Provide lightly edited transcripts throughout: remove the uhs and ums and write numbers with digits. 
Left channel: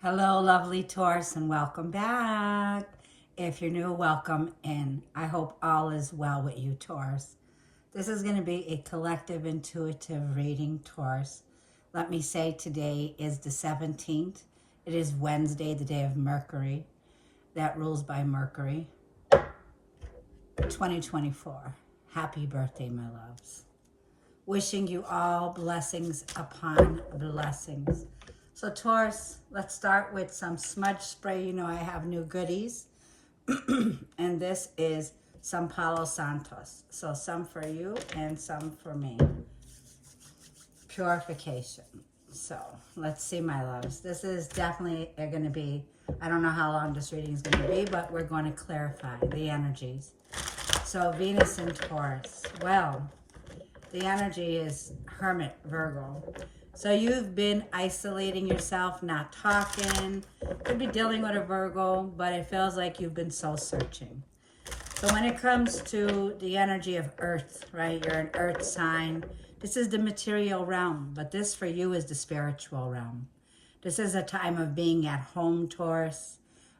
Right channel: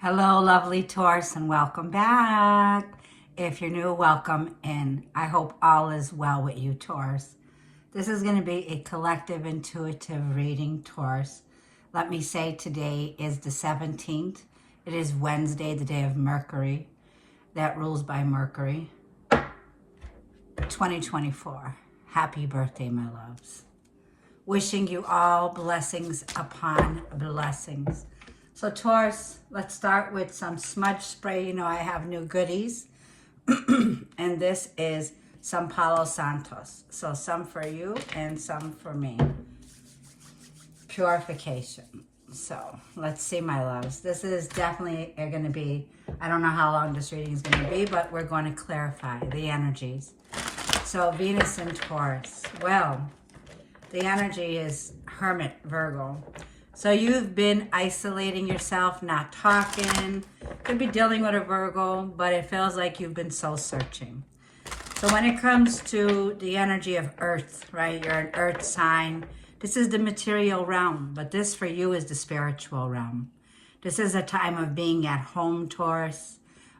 Hello, lovely Taurus, and welcome back. If you're new, welcome, and I hope all is well with you, Taurus. This is going to be a collective intuitive reading, Taurus. Let me say today is the 17th. It is Wednesday, the day of Mercury, that rules by Mercury, 2024. Happy birthday, my loves. Wishing you all blessings upon blessings. So Taurus, let's start with some smudge spray. You know, I have new goodies. And this is some Palo Santos. So some for you and some for me. Purification. So let's see, my loves. This is definitely going to be, I don't know how long this reading is going to be, but we're going to clarify the energies. So Venus and Taurus. Well, the energy is Hermit, Virgo. So you've been isolating yourself, not talking. Could be dealing with a Virgo, but it feels like you've been soul searching. So when it comes to the energy of Earth, right? You're an Earth sign. This is the material realm, but this for you is the spiritual realm. This is a time of being at home, Taurus,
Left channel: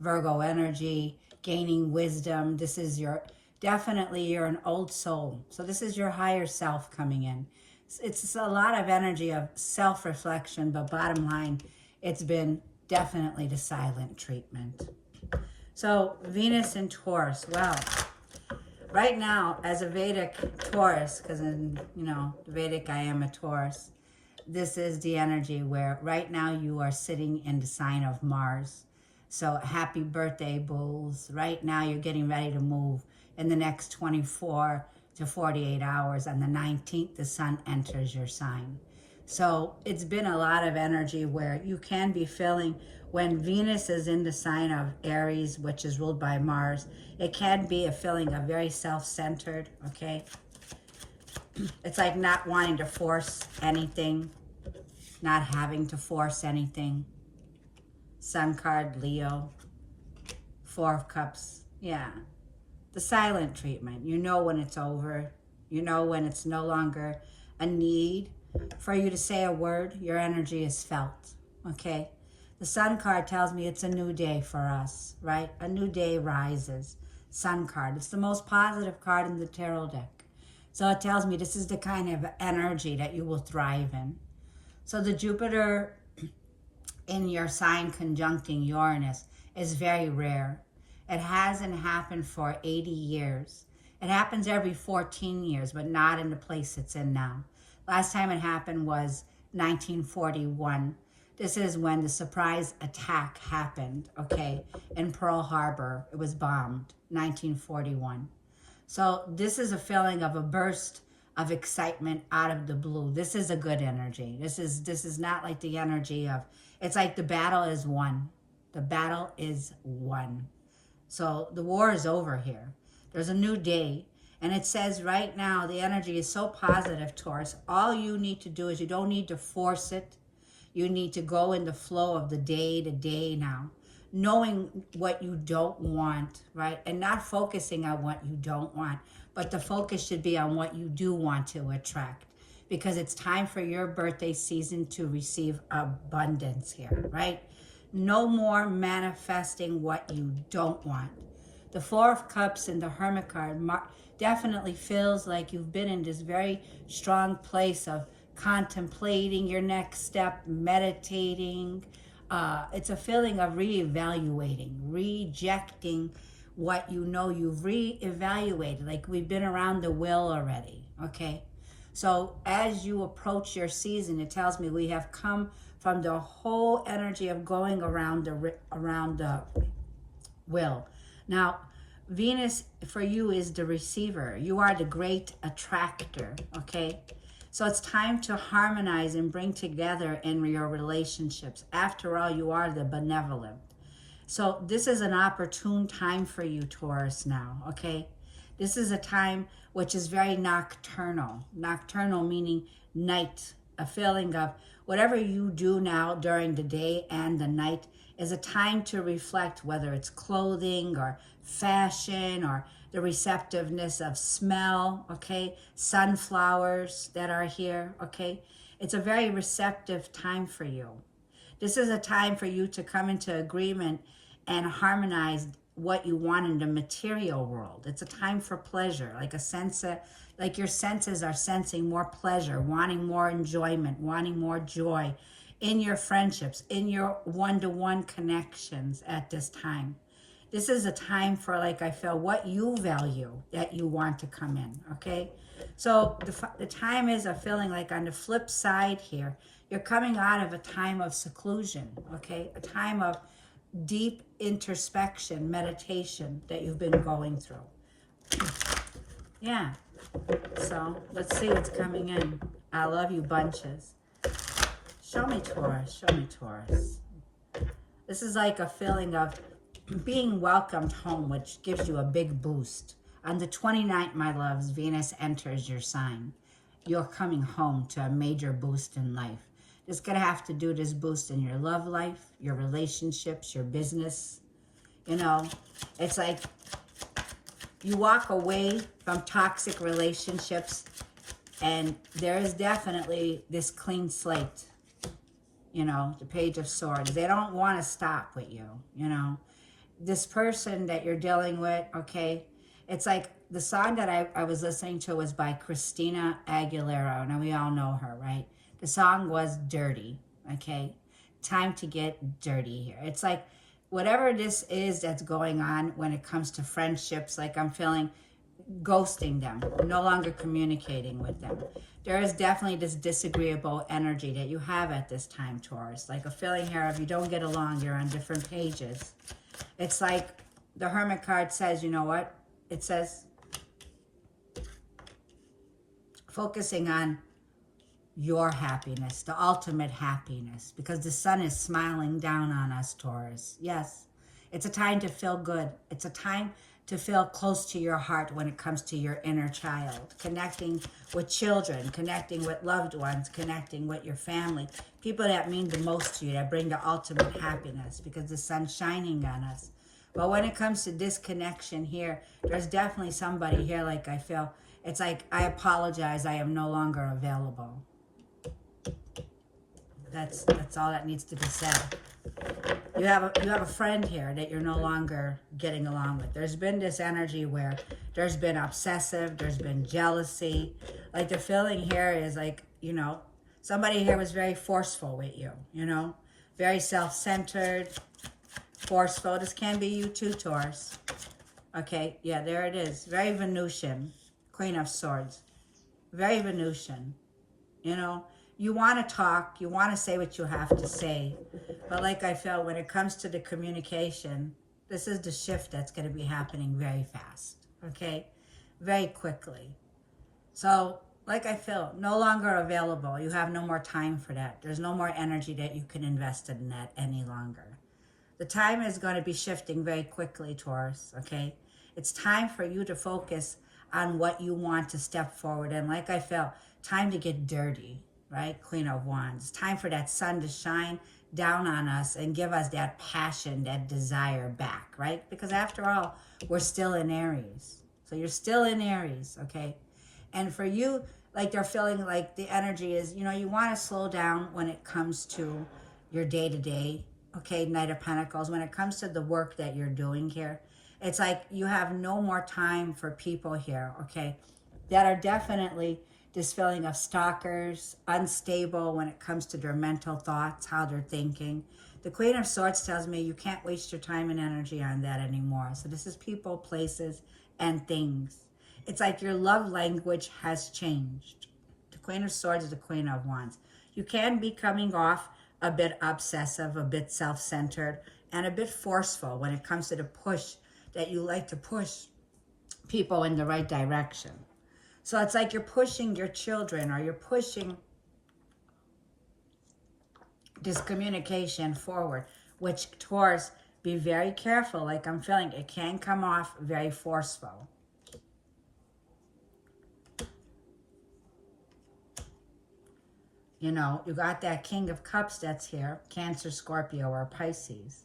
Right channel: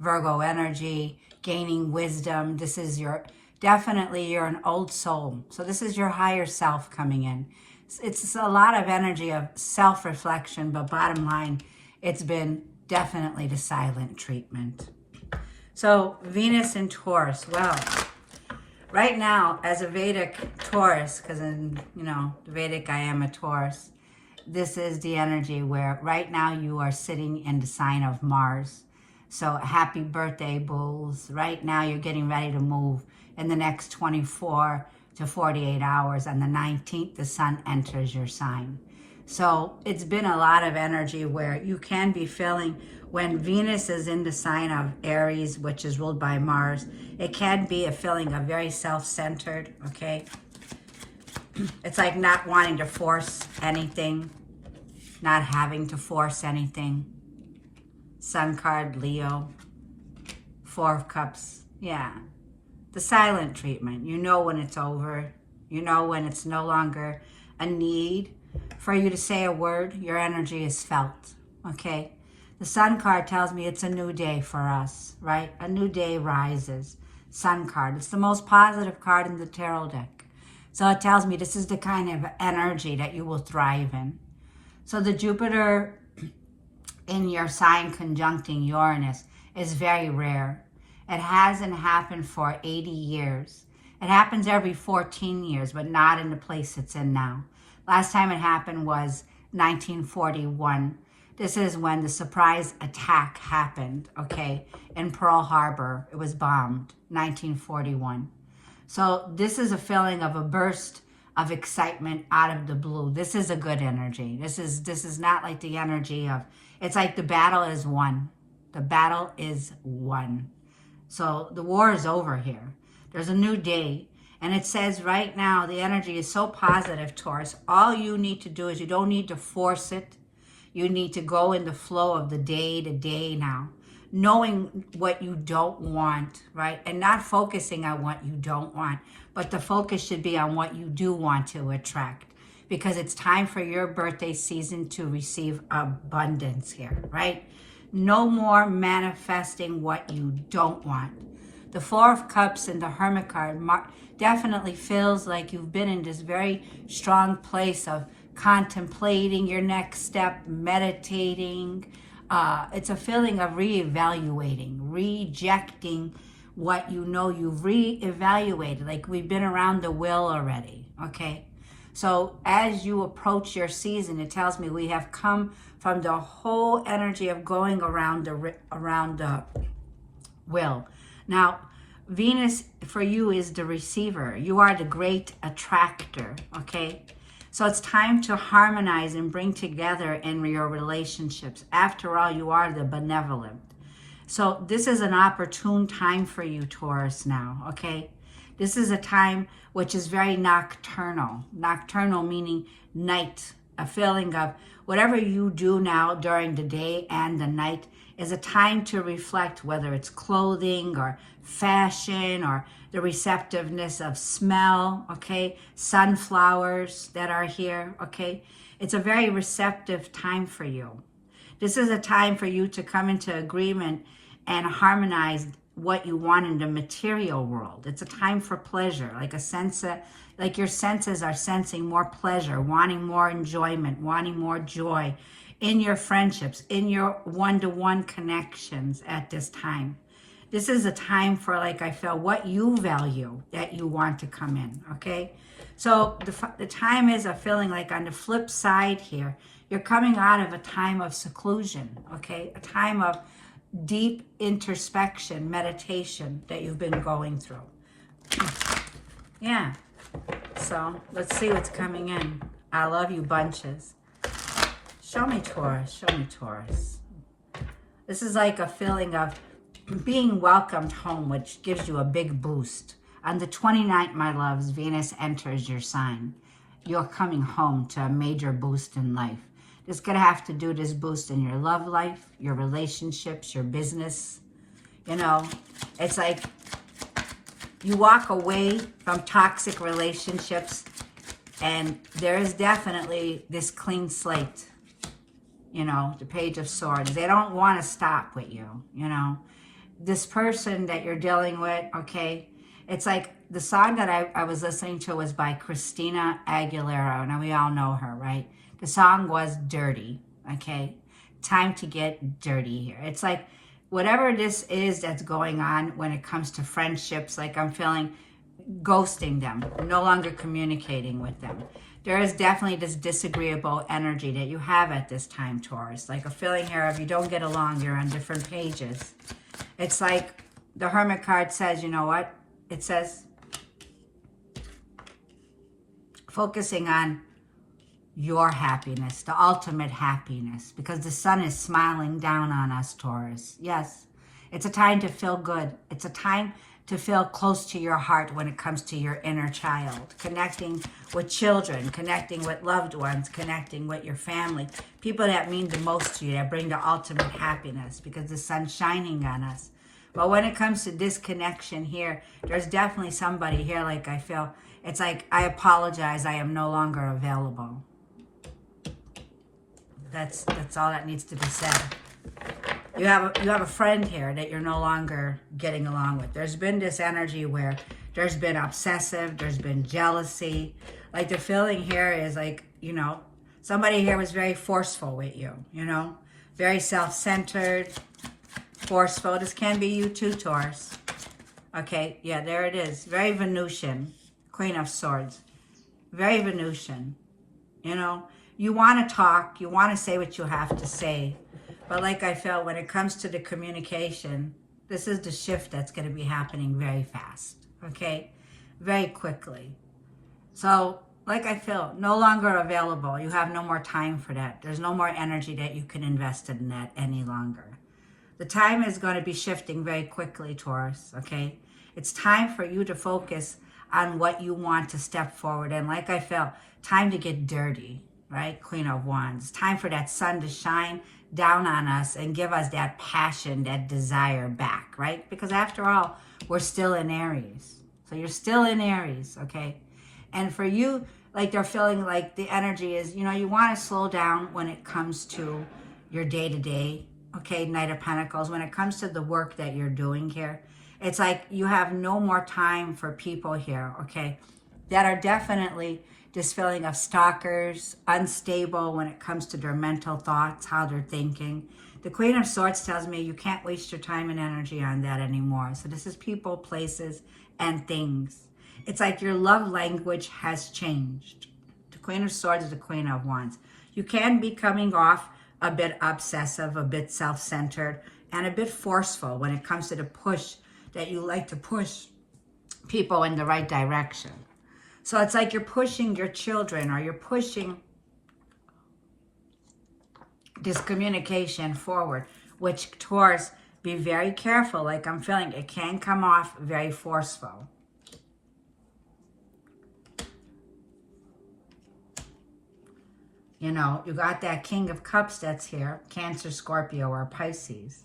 Virgo energy, gaining wisdom. This is definitely you're an old soul. So this is your higher self coming in. It's a lot of energy of self-reflection, but bottom line, it's been definitely the silent treatment. So Venus in Taurus, well, right now as a Vedic Taurus, because in, the Vedic I am a Taurus, this is the energy where right now you are sitting in the sign of Mars. So happy birthday, bulls. Right now you're getting ready to move in the next 24 to 48 hours. On the 19th, the sun enters your sign. So it's been a lot of energy where you can be feeling when Venus is in the sign of Aries, which is ruled by Mars, it can be a feeling of very self-centered, okay? It's like not wanting to force anything, not having to force anything. Sun card, Leo, Four of Cups, yeah. The silent treatment. You know when it's over. You know when it's no longer a need for you to say a word. Your energy is felt, okay? The Sun card tells me it's a new day for us, right? A new day rises. Sun card. It's the most positive card in the tarot deck. So it tells me this is the kind of energy that you will thrive in. So the Jupiter in your sign conjuncting Uranus is very rare. It hasn't happened for 80 years. It happens every 14 years, but not in the place it's in now. Last time it happened was 1941. This is when the surprise attack happened, okay, in Pearl Harbor. It was bombed, 1941. So this is a feeling of a burst of excitement out of the blue. This is a good energy. This is not like the energy of, it's like the battle is won. The battle is won. So the war is over here. There's a new day. And it says right now, the energy is so positive, Taurus. All you need to do is you don't need to force it. You need to go in the flow of the day to day now. Knowing what you don't want, right? And not focusing on what you don't want. But the focus should be on what you do want to attract. Because it's time for your birthday season to receive abundance here, right? No more manifesting what you don't want. The Four of Cups and the Hermit card definitely feels like you've been in this very strong place of contemplating your next step, meditating. It's a feeling of reevaluating, rejecting what you know you've reevaluated. Like we've been around the wheel already, okay? So as you approach your season, it tells me we have come from the whole energy of going around the wheel. Now, Venus for you is the receiver. You are the great attractor, okay? So it's time to harmonize and bring together in your relationships. After all, you are the benevolent. So this is an opportune time for you, Taurus, now, okay? This is a time which is very nocturnal. Nocturnal meaning night, a feeling of whatever you do now during the day and the night is a time to reflect, whether it's clothing or fashion or the receptiveness of smell, okay? Sunflowers that are here, okay? It's a very receptive time for you. This is a time for you to come into agreement and harmonize what you want in the material world. It's a time for pleasure, like a sense of, like your senses are sensing more pleasure, wanting more enjoyment, wanting more joy in your friendships, in your one-to-one connections at this time. This is a time for, like I feel, what you value that you want to come in, okay? So the time is a feeling like on the flip side here, you're coming out of a time of seclusion, okay? A time of deep introspection, meditation that you've been going through. Yeah. So let's see what's coming in. I love you bunches. Show me Taurus. Show me Taurus. This is like a feeling of being welcomed home, which gives you a big boost. On the 29th, my loves, Venus enters your sign. You're coming home to a major boost in life. It's going to have to do this boost in your love life, your relationships, your business. You know, it's like you walk away from toxic relationships, and there is definitely this clean slate. You know, the Page of Swords. They don't want to stop with you, you know. This person that you're dealing with, okay, it's like the song that I was listening to was by Christina Aguilera, and we all know her, right? The song was Dirty, okay? Time to get dirty here. It's like whatever this is that's going on when it comes to friendships, like I'm feeling ghosting them, no longer communicating with them. There is definitely this disagreeable energy that you have at this time, Taurus. Like a feeling here of you don't get along, you're on different pages. It's like the Hermit card says, you know what? It says focusing on your happiness, the ultimate happiness, because the sun is smiling down on us, Taurus. Yes, it's a time to feel good. It's a time to feel close to your heart when it comes to your inner child, connecting with children, connecting with loved ones, connecting with your family, people that mean the most to you, that bring the ultimate happiness, because the sun's shining on us. But when it comes to disconnection here, there's definitely somebody here, like I feel, it's like, I apologize, I am no longer available. That's all that needs to be said. You have a friend here that you're no longer getting along with. There's been this energy where there's been obsessive, there's been jealousy. Like the feeling here is like, you know, somebody here was very forceful with you, you know, very self-centered, forceful. This can be you too, Taurus. Okay, yeah, there it is. Very Venusian, Queen of Swords. Very Venusian, you know. You want to talk, you want to say what you have to say. But like I felt, when it comes to the communication, this is the shift that's going to be happening very fast, okay? Very quickly. So, like I feel, no longer available. You have no more time for that. There's no more energy that you can invest in that any longer. The time is going to be shifting very quickly, Taurus, okay? It's time for you to focus on what you want to step forward. And like I felt, time to get dirty. Right? Queen of Wands. Time for that sun to shine down on us and give us that passion, that desire back, right? Because after all, we're still in Aries. So you're still in Aries, okay? And for you, like they're feeling like the energy is, you know, you want to slow down when it comes to your day-to-day, okay? Knight of Pentacles. When it comes to the work that you're doing here, it's like you have no more time for people here, okay? That are definitely this feeling of stalkers, unstable when it comes to their mental thoughts, how they're thinking. The Queen of Swords tells me you can't waste your time and energy on that anymore. So this is people, places, and things. It's like your love language has changed. The Queen of Swords is the Queen of Wands. You can be coming off a bit obsessive, a bit self-centered, and a bit forceful when it comes to the push that you like to push people in the right direction. So it's like you're pushing your children, or you're pushing this communication forward, which Taurus, be very careful. Like I'm feeling it can come off very forceful. You know, you got that King of Cups that's here, Cancer, Scorpio, or Pisces.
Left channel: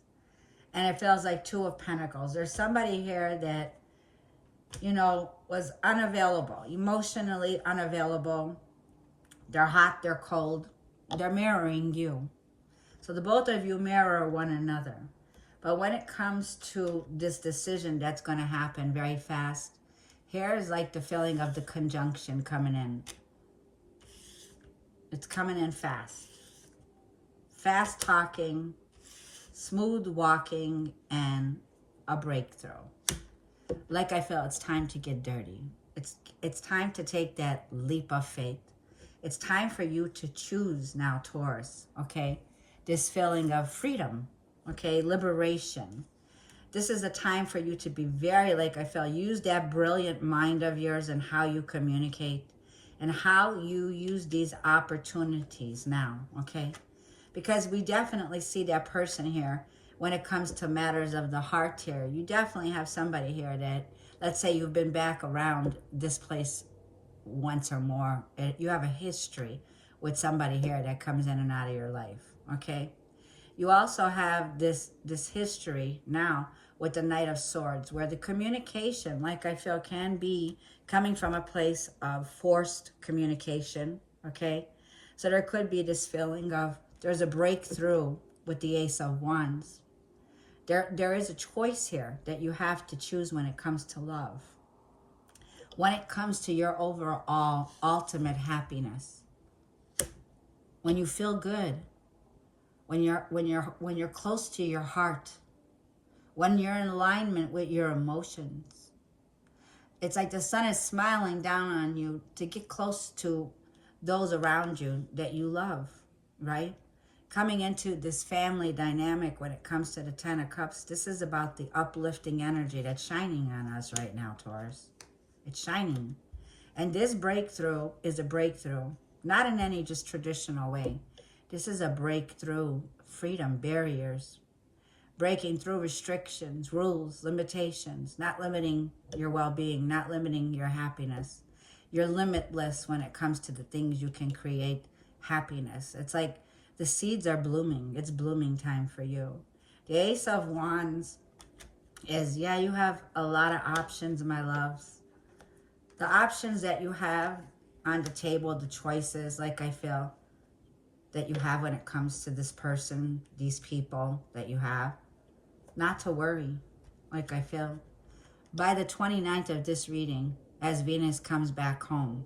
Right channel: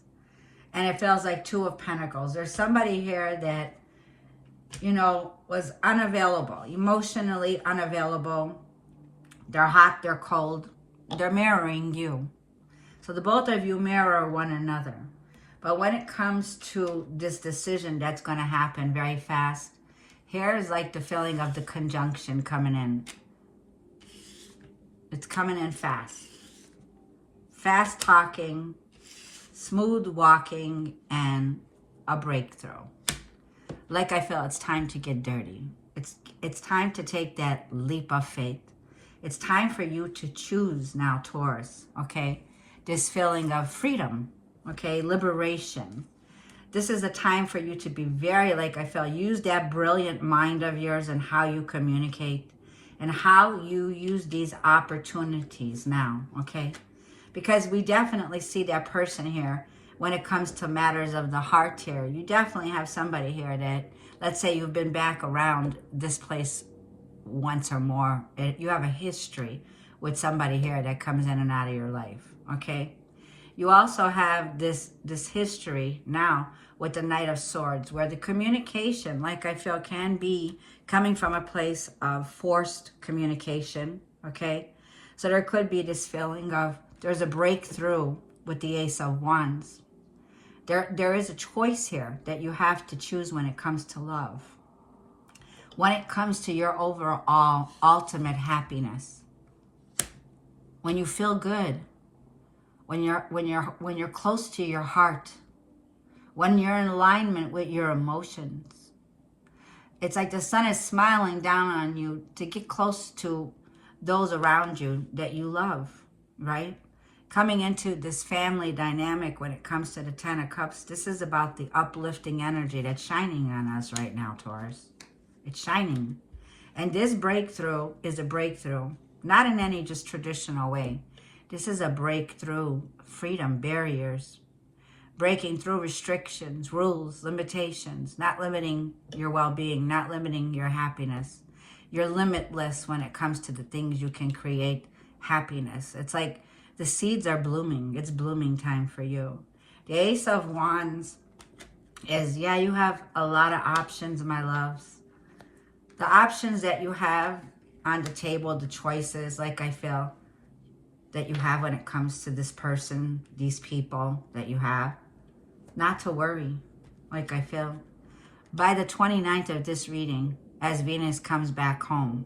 And it feels like Two of Pentacles. There's somebody here that, you know, was unavailable, emotionally unavailable. They're hot, they're cold, they're mirroring you. So the both of you mirror one another. But when it comes to this decision that's going to happen very fast, here's like the feeling of the conjunction coming in. It's coming in fast. Fast talking, smooth walking, and a breakthrough. Like I feel it's time to get dirty. It's time to take that leap of faith. It's time for you to choose now, Taurus, okay? This feeling of freedom, okay? Liberation. This is a time for you to be very, like I feel, use that brilliant mind of yours and how you communicate and how you use these opportunities now, okay? Because we definitely see that person here when it comes to matters of the heart here. You definitely have somebody here that, let's say you've been back around this place once or more. You have a history with somebody here that comes in and out of your life, okay? You also have this history now with the Knight of Swords, where the communication, like I feel, can be coming from a place of forced communication, okay? So there could be this feeling of there's a breakthrough with the Ace of Wands. There is a choice here that you have to choose when it comes to love. When it comes to your overall ultimate happiness. When you feel good. When you're close to your heart. When you're in alignment with your emotions. It's like the sun is smiling down on you to get close to those around you that you love, right? Coming into this family dynamic when it comes to the Ten of Cups, this is about the uplifting energy that's shining on us right now, Taurus. It's shining. And this breakthrough is a breakthrough, not in any just traditional way. This is a breakthrough, freedom, barriers, breaking through restrictions, rules, limitations, not limiting your well-being, not limiting your happiness. You're limitless when it comes to the things you can create happiness. It's like the seeds are blooming. It's blooming time for you. The Ace of Wands is, yeah, you have a lot of options, my loves. The options that you have on the table, the choices, like I feel, that you have when it comes to this person, these people that you have. Not to worry, like I feel. By the 29th of this reading, as Venus comes back home,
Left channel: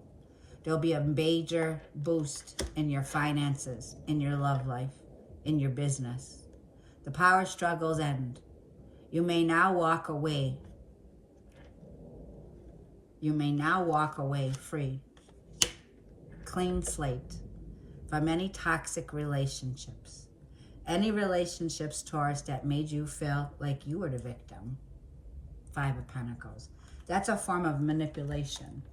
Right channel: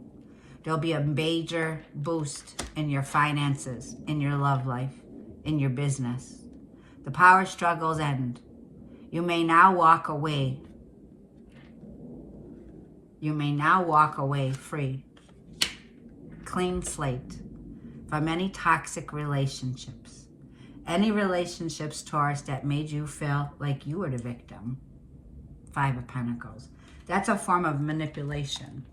there'll be a major boost in your finances, in your love life, in your business. The power struggles end. You may now walk away. You may now walk away free. Clean slate from any toxic relationships. Any relationships, Taurus, that made you feel like you were the victim. Five of Pentacles. That's a form of manipulation.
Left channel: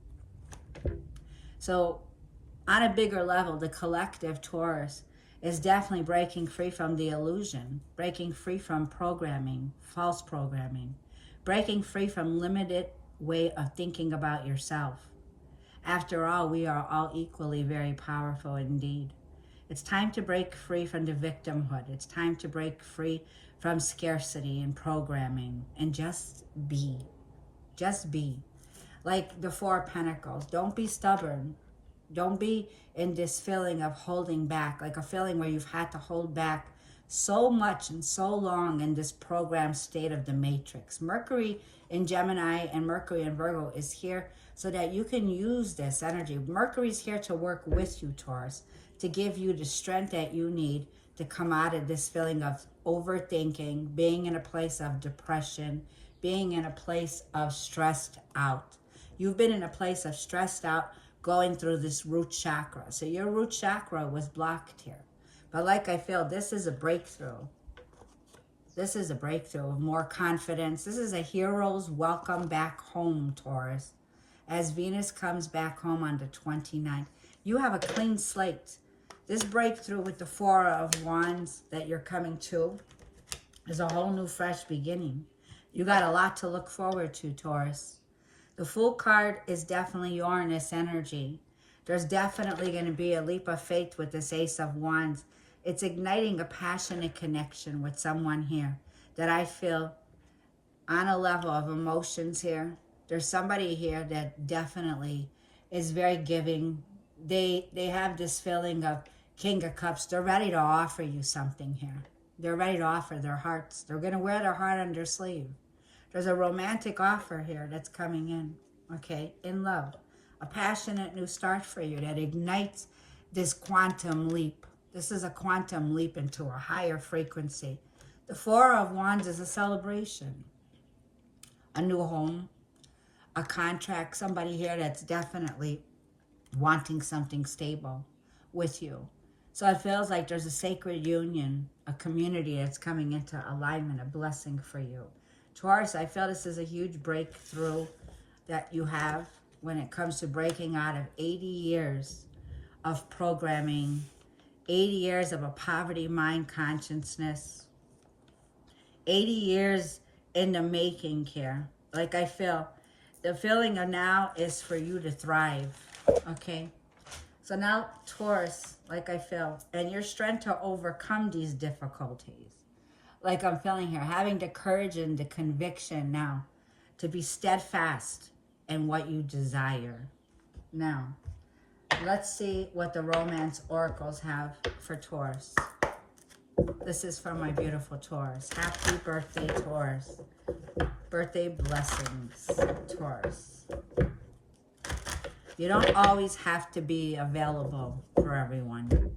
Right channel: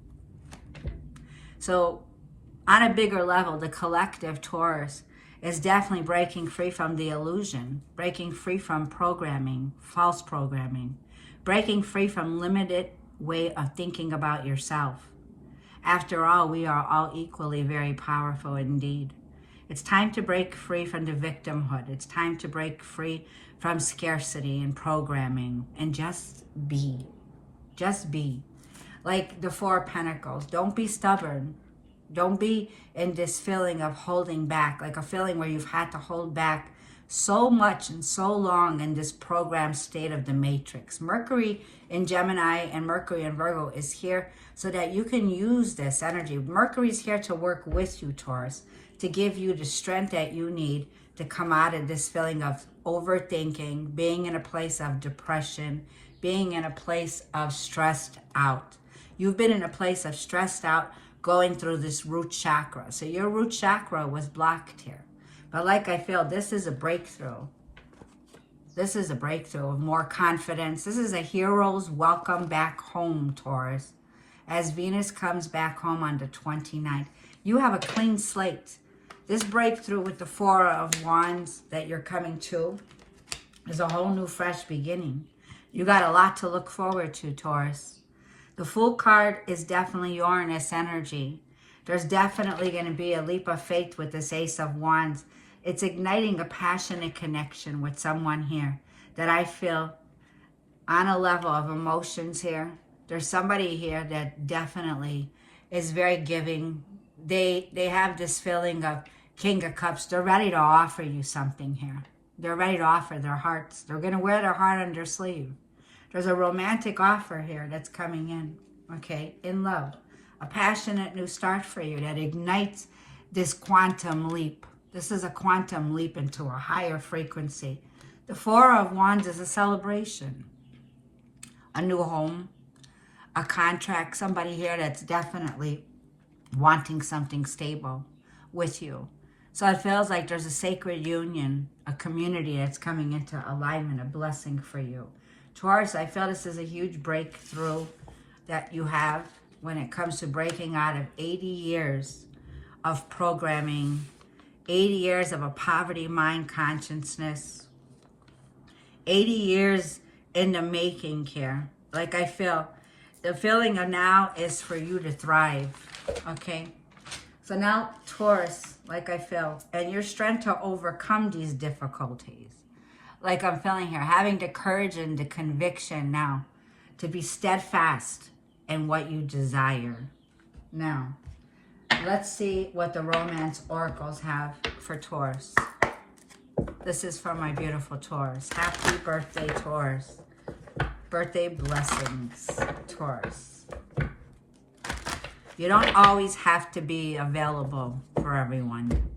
So on a bigger level, the collective Taurus is definitely breaking free from the illusion, breaking free from programming, false programming, breaking free from limited way of thinking about yourself. After all, we are all equally very powerful indeed. It's time to break free from the victimhood. It's time to break free from scarcity and programming and just be. Just be. Like the Four of Pentacles. Don't be stubborn. Don't be in this feeling of holding back, like a feeling where you've had to hold back so much and so long in this programmed state of the matrix. Mercury in Gemini and Mercury in Virgo is here so that you can use this energy. Mercury's here to work with you, Taurus, to give you the strength that you need to come out of this feeling of overthinking, being in a place of depression, being in a place of stressed out. You've been in a place of stressed out going through this root chakra. So your root chakra was blocked here. But like I feel, this is a breakthrough. This is a breakthrough of more confidence. This is a hero's welcome back home, Taurus. As Venus comes back home on the 29th, you have a clean slate. This breakthrough with the Four of Wands that you're coming to is a whole new fresh beginning. You got a lot to look forward to, Taurus. The Fool card is definitely Uranus energy. There's definitely going to be a leap of faith with this Ace of Wands. It's igniting a passionate connection with someone here that I feel on a level of emotions here. There's somebody here that definitely is very giving. They have this feeling of King of Cups, they're ready to offer you something here. They're ready to offer their hearts. They're going to wear their heart on their sleeve. There's a romantic offer here that's coming in, okay, in love. A passionate new start for you that ignites this quantum leap. This is a quantum leap into a higher frequency. The Four of Wands is a celebration. A new home, a contract, somebody here that's definitely wanting something stable with you. So it feels like there's a sacred union, a community that's coming into alignment, a blessing for you. Taurus, I feel this is a huge breakthrough that you have when it comes to breaking out of 80 years of programming, 80 years of a poverty mind consciousness, 80 years in the making here. Like I feel, the feeling of now is for you to thrive, okay? So now, Taurus, like I feel, and your strength to overcome these difficulties. Like I'm feeling here, having the courage and the conviction now to be steadfast in what you desire. Now, let's see what the romance oracles have for Taurus. This is for my beautiful Taurus. Happy birthday, Taurus. Birthday blessings, Taurus. You don't always have to be available for everyone.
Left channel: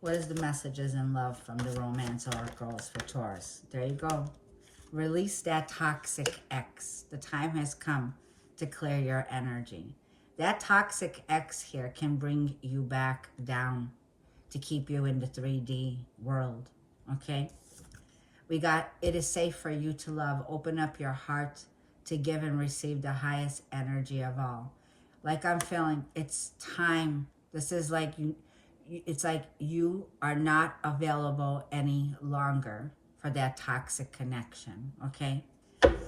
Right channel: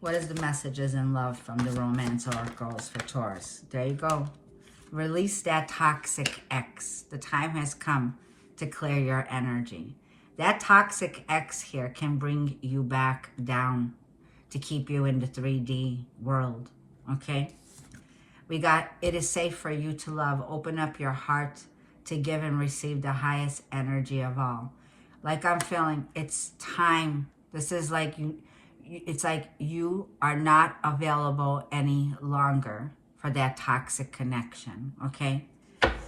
What is the messages in love from the romance oracles for Taurus? There you go. Release that toxic ex. The time has come to clear your energy. That toxic ex here can bring you back down to keep you in the 3D world, okay? We got, it is safe for you to love. Open up your heart to give and receive the highest energy of all. Like I'm feeling, it's time. This is like it's like you are not available any longer for that toxic connection, okay?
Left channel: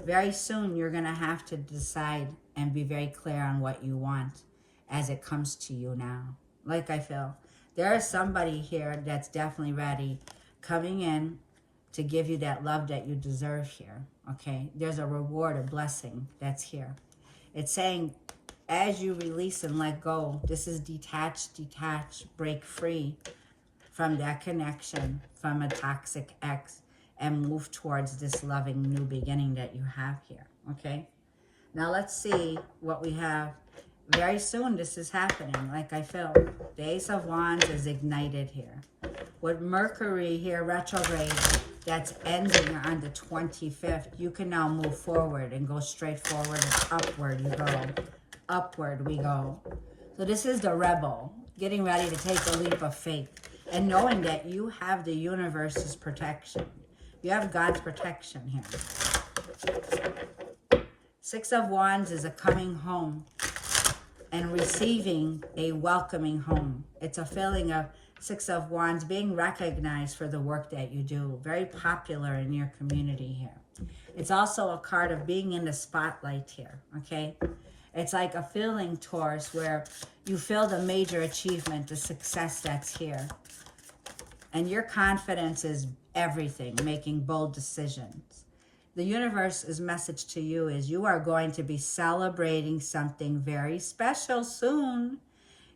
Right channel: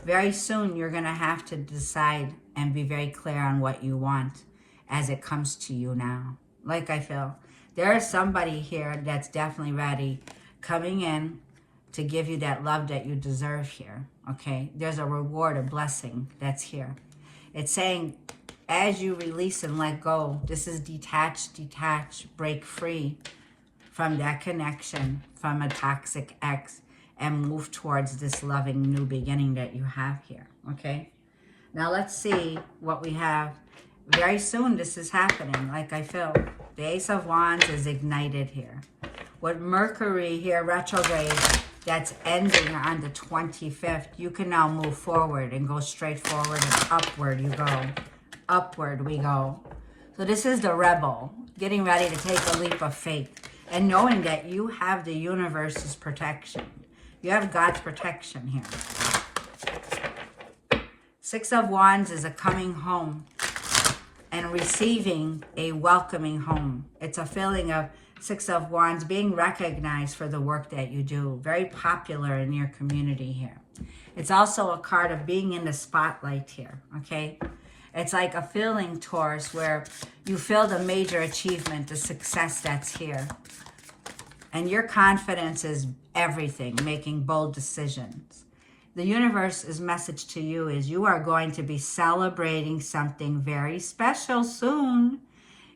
Very soon, you're going to have to decide and be very clear on what you want as it comes to you now. Like I feel, there is somebody here that's definitely ready, coming in to give you that love that you deserve here, okay? There's a reward, a blessing that's here. It's saying, as you release and let go, this is detach, break free from that connection, from a toxic ex, and move towards this loving new beginning that you have here, okay? Now let's see what we have. Very soon this is happening, like I feel. The Ace of Wands is ignited here. With Mercury here, retrograde, that's ending on the 25th, you can now move forward and go straight forward and upward you go. Upward we go. So this is the rebel, getting ready to take a leap of faith and knowing that you have the universe's protection. You have God's protection here. Six of Wands is a coming home and receiving a welcoming home. It's a feeling of Six of Wands being recognized for the work that you do. Very popular in your community here. It's also a card of being in the spotlight here, okay? It's like a feeling, Taurus, where you feel the major achievement, the success that's here. And your confidence is everything, making bold decisions. The universe's message to you is you are going to be celebrating something very special soon.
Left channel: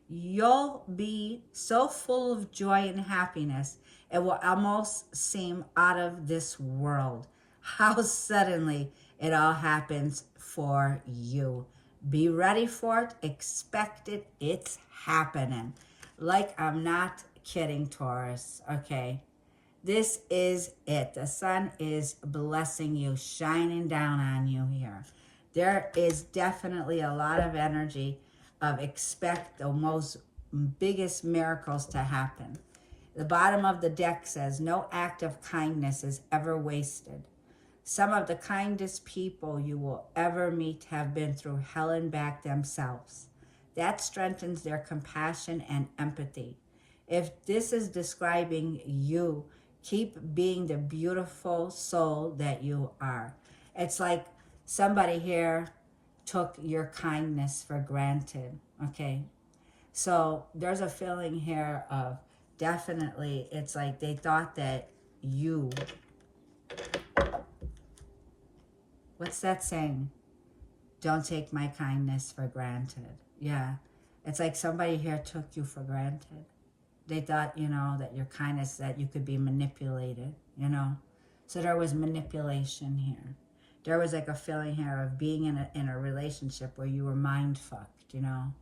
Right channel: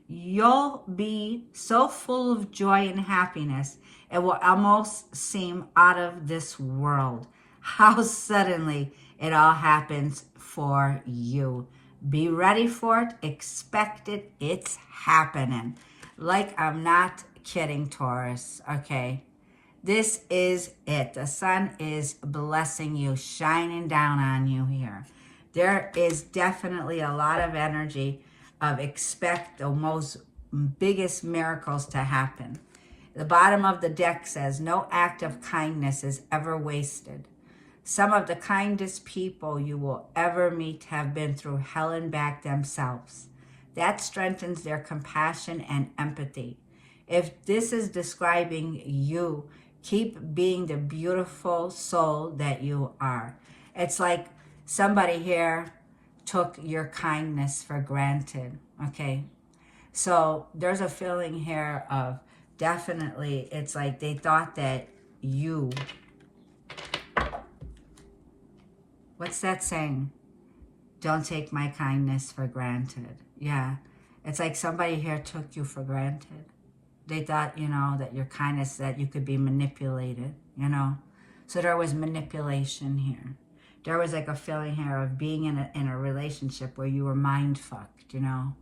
You'll be so full of joy and happiness, it will almost seem out of this world. How suddenly it all happens for you. Be ready for it. Expect it. It's happening. Like I'm not kidding, Taurus. Okay. This is it. The sun is blessing you, shining down on you here. There is definitely a lot of energy of expect the most biggest miracles to happen. The bottom of the deck says, no act of kindness is ever wasted. Some of the kindest people you will ever meet have been through hell and back themselves. That strengthens their compassion and empathy. If this is describing you, keep being the beautiful soul that you are. It's like somebody here took your kindness for granted, okay? So there's a feeling here of definitely, it's like they thought that you What's that saying? Don't take my kindness for granted. Yeah. It's like somebody here took you for granted. They thought, you know, that your kindness, that you could be manipulated, you know. So there was manipulation here. There was like a feeling here of being in a relationship where you were mind fucked, you know.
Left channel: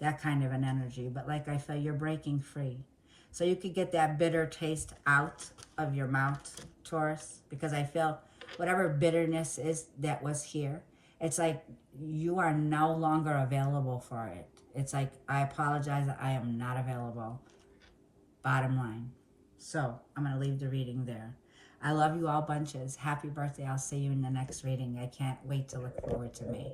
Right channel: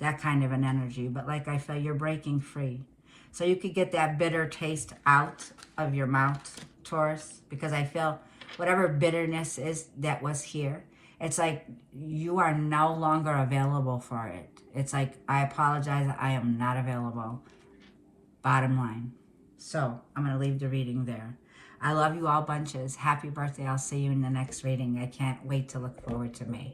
That kind of an energy. But like I feel you're breaking free. So you could get that bitter taste out of your mouth, Taurus, because I feel whatever bitterness is that was here, it's like you are no longer available for it. It's like, I apologize, I am not available. Bottom line. So I'm going to leave the reading there. I love you all bunches. Happy birthday. I'll see you in the next reading. I can't wait to look forward to May.